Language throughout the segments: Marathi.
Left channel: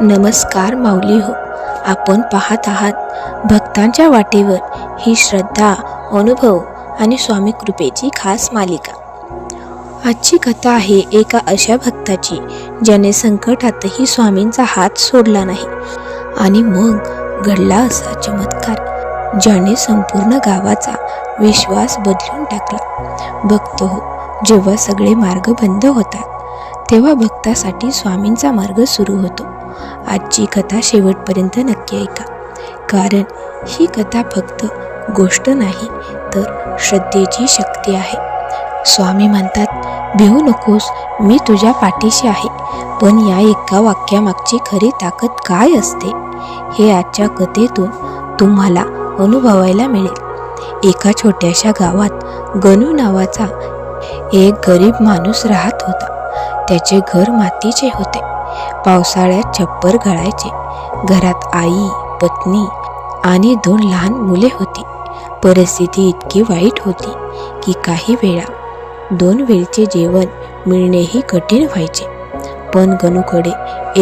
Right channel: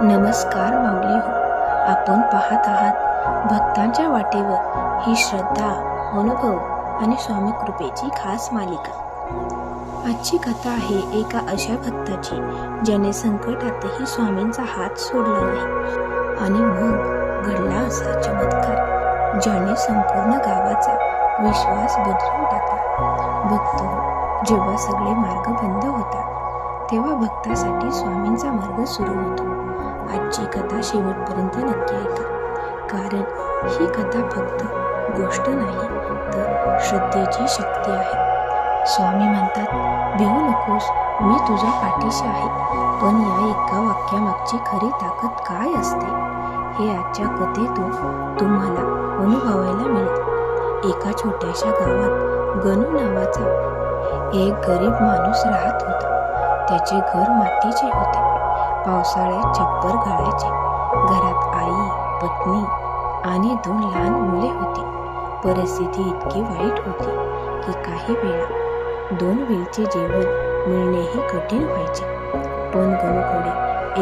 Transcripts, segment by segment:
नमस्कार माऊली हो. आपण पाहत आहात भक्तांच्या वाटेवर ही श्रद्धा, अनुभव आणि स्वामी कृपेची खास मालिका. आजची कथा आहे एका अशा भक्ताची ज्याने संकटातही स्वामींचा हात सोडला नाही. आणि मग घडला असा चमत्कार ज्याने संपूर्ण गावाचा विश्वास बदलून टाकला. भक्त हो, जेव्हा सगळे मार्ग बंद होतात तेव्हा भक्तासाठी स्वामींचा मार्ग सुरू होतो. आजची कथा शेवटपर्यंत नक्की ऐका, कारण ही कथा फक्त गोष्ट नाही तर श्रद्धेची शक्ती आहे. स्वामी म्हणतात, भिवू नकोस, मी तुझ्या पाठीशी आहे. पण या एका वाक्यामागची खरी ताकद काय असते हे आजच्या कथेतून तुम्हाला अनुभवायला मिळेल. एका छोट्याशा गावात गणू नावाचा एक गरीब माणूस राहत होता. त्याचे घर मातीचे होते. पावसाळ्यात छप्पर गळायचे. घरात आई, पत्नी आणि 2 लहान मुले होती. परिस्थिती इतकी वाईट होती की काही वेळा 2 वेळचे जेवण मिळणेही कठीण व्हायचे. पण गणूकडे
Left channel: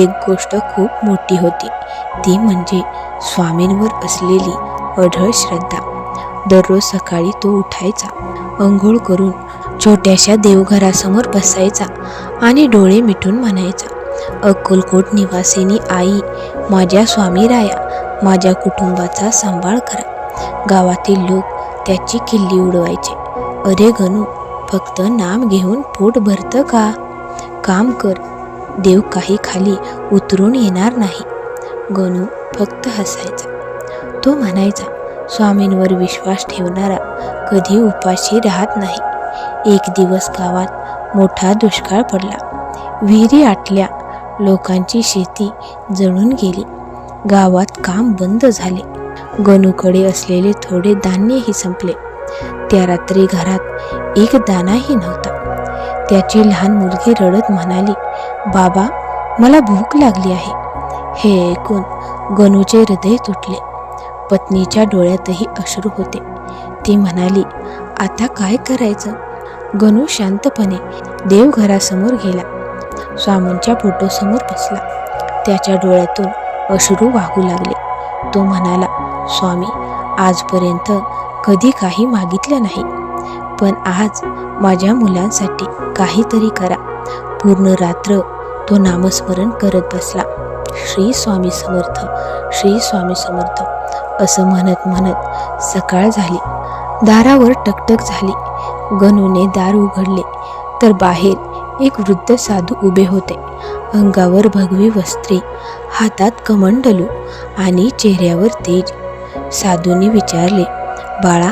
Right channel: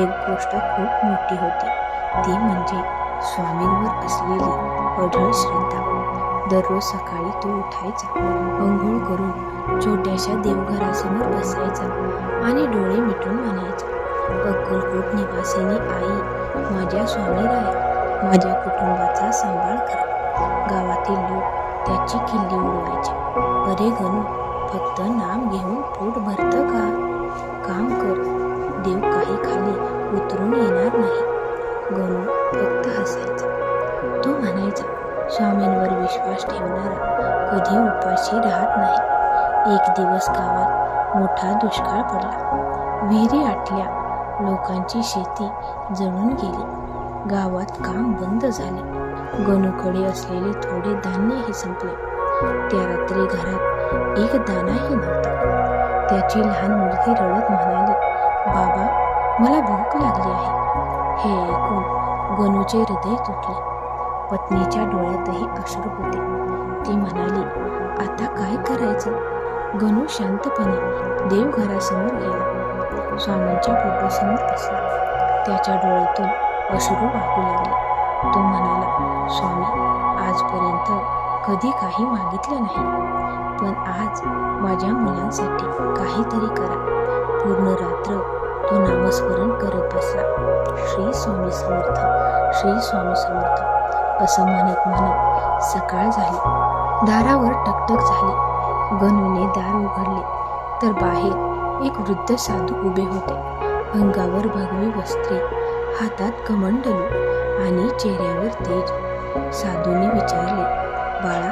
एक गोष्ट खूप मोठी होती, ती म्हणजे स्वामींवर असलेली अढळ श्रद्धा. दररोज सकाळी तो उठायचा, अंघोळ करून छोट्याशा देवघरासमोर बसायचा आणि डोळे मिटून म्हणायचा, अक्कलकोट निवासिनी आई, माझ्या स्वामीराया, माझ्या कुटुंबाचा सांभाळ करा. गावातील लोक त्याची किल्ली उडवायचे. अरे गणू, फक्त नाम घेऊन पोट भरतं का? काम कर, देव काही खाली उतरून येणार नाही. गणू फक्त हसायचा. तो म्हणायचा, स्वामींवर विश्वास ठेवणारा कधी उपाशी राहत नाही. एक दिवस गावात मोठा दुष्काळ पडला. विहिरी आटल्या, लोकांची शेती जळून गेली. गावात काम बंद झाले. गणूकडे असलेले थोडे धान्यही संपले. त्या रात्री घरात एक दाणाही नव्हता. त्याची लहान मुलगी रडत म्हणाली, बाबा, मला भूक लागली आहे. हे ऐकून गणूचे हृदय तुटले. पत्नीच्या डोळ्यातही अश्रू होते. ती म्हणाली, आता काय करायचं? गणू शांतपणे देवघरासमोर गेला. स्वामींच्या फोटोसमोर बसला. त्याच्या डोळ्यातून अश्रू वाहू लागले. तो म्हणाला, स्वामी, आजपर्यंत कधी काही मागितलं नाही, पण आज माझ्या मुलांसाठी काहीतरी करा. पूर्ण रात्र तो नामस्मरण करत बसला. श्री स्वामी समर्थ, श्री स्वामी समर्थ असं म्हणत म्हणत सकाळ झाली. दारावर टकटक झाली. गणूने दार उघडले तर बाहेर एक वृद्ध साधू उभे होते. अंगावर भगवी वस्त्रे, हातात कमंडलू आणि चेहऱ्यावर तेज. साधूने विचारले, बाळा,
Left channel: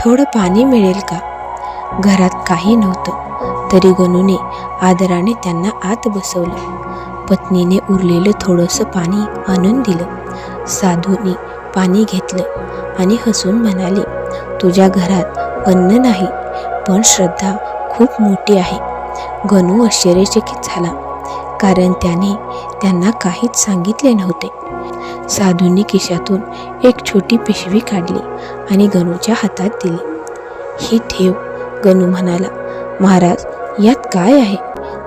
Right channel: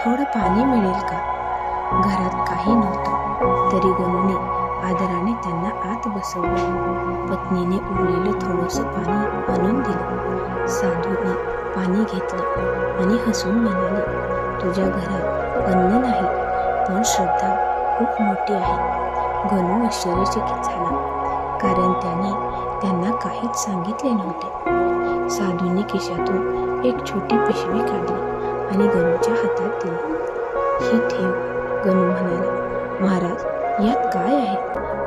थोडं पाणी मिळेल का? घरात काही नव्हतं, तरी गणूने आदराने त्यांना आत बसवलं. पत्नीने उरलेलं थोडंसं पाणी आणून दिलं. साधूने पाणी घेतलं आणि हसून म्हणाले, तुझ्या घरात अन्न नाही, पण श्रद्धा खूप मोठी आहे. गणू आश्चर्यचकित झाला, कारण त्याने त्यांना काहीच सांगितले नव्हते. साधूंनी खिशातून एक छोटी पिशवी काढली आणि गणूच्या हातात दिली. ही ठेव, गणू म्हणाला. महाराज, यात काय आहे?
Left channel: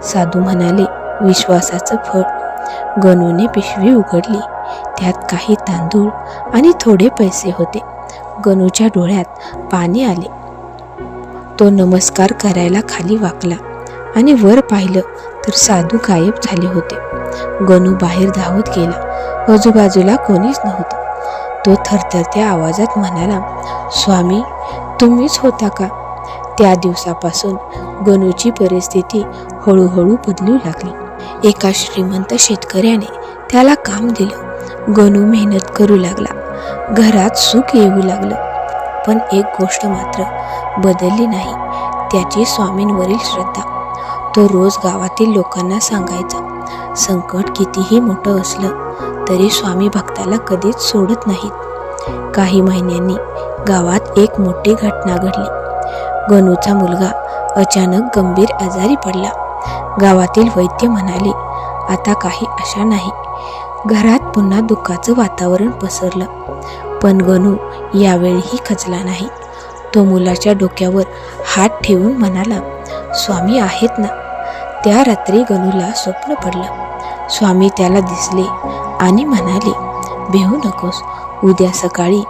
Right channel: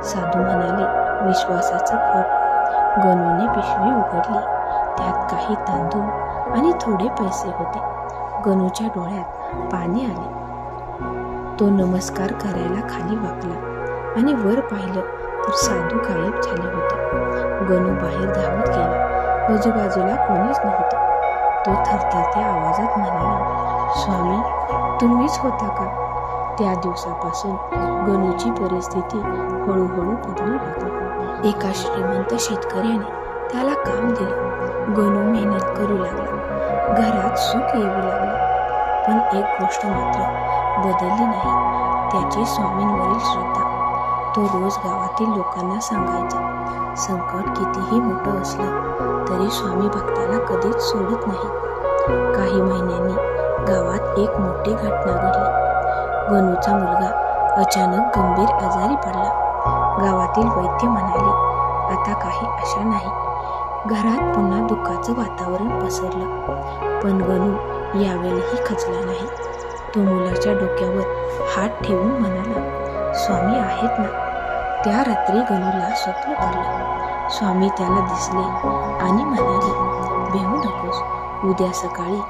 साधू म्हणाले, विश्वासाचं फळ. गणूने पिशवी उघडली. त्यात काही तांदूळ आणि थोडे पैसे होते. गणूच्या डोळ्यात पाणी आले. तो नमस्कार करायला खाली वाकला आणि वर पाहिलं तर साधू गायब झाले होते. गणू बाहेर धावत गेला. आजूबाजूला कोणीच नव्हतं. तो थरथरत्या आवाजात म्हणाला, स्वामी, तुम्हीच होता का? त्या दिवसापासून गणूची परिस्थिती हळूहळू बदलू लागली. एका श्रीमंत शेतकऱ्याने त्याला काम दिलं. गणू मेहनत करू लागला. घरात सुख येऊ लागलं. पण एक गोष्ट मात्र बदलली नाही, त्याची स्वामींवरील श्रद्धा. तो रोज गावातील लोकांना सांगायचा, संकट कितीही मोठं असलं तरी स्वामी भक्ताला कधीच सोडत नाहीत. काही महिन्यांनी गावात एक मोठी घटना घडली. गणूचा मुलगा अचानक गंभीर आजारी पडला. गावातील वैद्य म्हणाले, आता काही आशा नाही. घरात पुन्हा दुःखाचं वातावरण पसरलं. पण गणू यावेळीही खचला नाही. तो मुलाच्या डोक्यावर हात ठेवून म्हणाला, स्वामी आहेत ना. त्या रात्री गणूला स्वप्न पडलं. स्वामी त्याला दिसले आणि म्हणाले, भिवू नकोस, उद्या सकाळी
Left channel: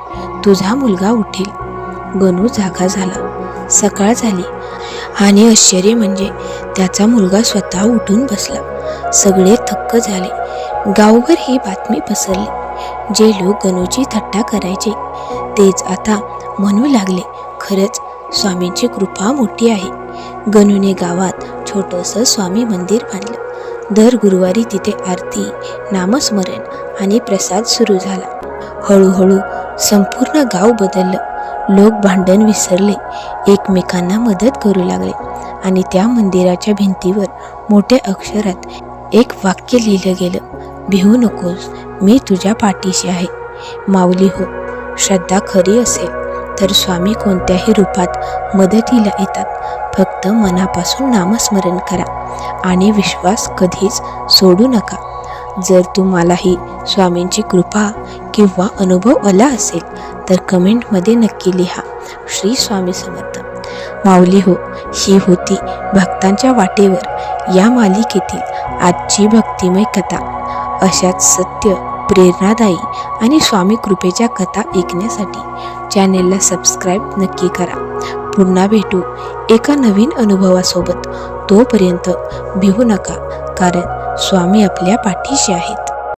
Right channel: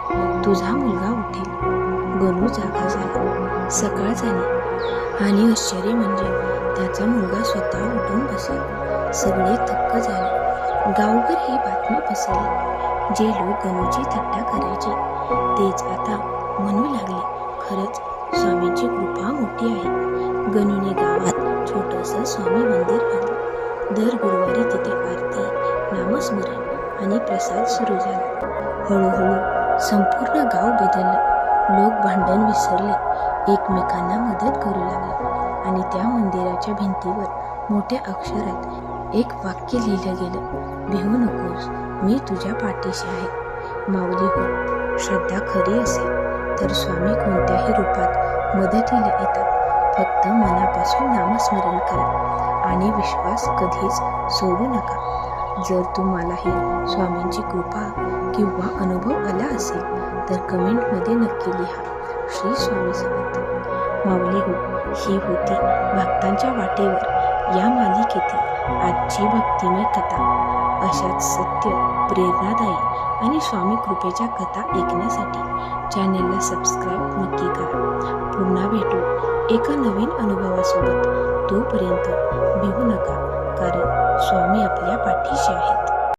तुझा मुलगा उठेल. गणू जागा झाला. सकाळ झाली आणि आश्चर्य म्हणजे त्याचा मुलगा स्वतः उठून बसला. सगळे थक्क झाले. गावभर ही बातमी पसरली. जे लोक गणूची थट्टा करायचे तेच आता म्हणू लागले, खरंच स्वामींची कृपा मोठी आहे. गणूने गावात छोटंसं स्वामी मंदिर बांधलं. दर गुरुवारी तिथे आरती, नामस्मरण आणि प्रसाद सुरू झाला. हळूहळू संपूर्ण गाव बदललं. लोक भांडण विसरले, एकमेकांना मदत करू लागले आणि त्या मंदिराच्या भिंतीवर मोठ्या अक्षरात एक वाक्य लिहिलं गेलं, भिवू नकोस, मी तुझ्या पाठीशी आहे. माऊली हो, श्रद्धा खरी असेल तर स्वामी कोणत्याही रूपात मदतीला येतात. फक्त मनापासून नामस्मरण करा आणि विश्वास कधीच सोडू नका. जर तुम्हालाही स्वामींची कृपा किंवा अनुभव आला असेल तर कमेंटमध्ये नक्की लिहा. श्री स्वामी समर्थ. माऊली हो, ही होती भक्तांच्या वाटेवर या मालिकेतील आजची भक्तिमय कथा. अशाच सत्य, प्रेरणादायी आणि स्वामी कृपेच्या कथा ऐकण्यासाठी चॅनेलला सबस्क्राईब नक्की करा. पुन्हा भेटू एका नवीन अनुभवासोबत. तोपर्यंत भिवू नका, कारण स्वामी आपल्या पाठीशी आहेत.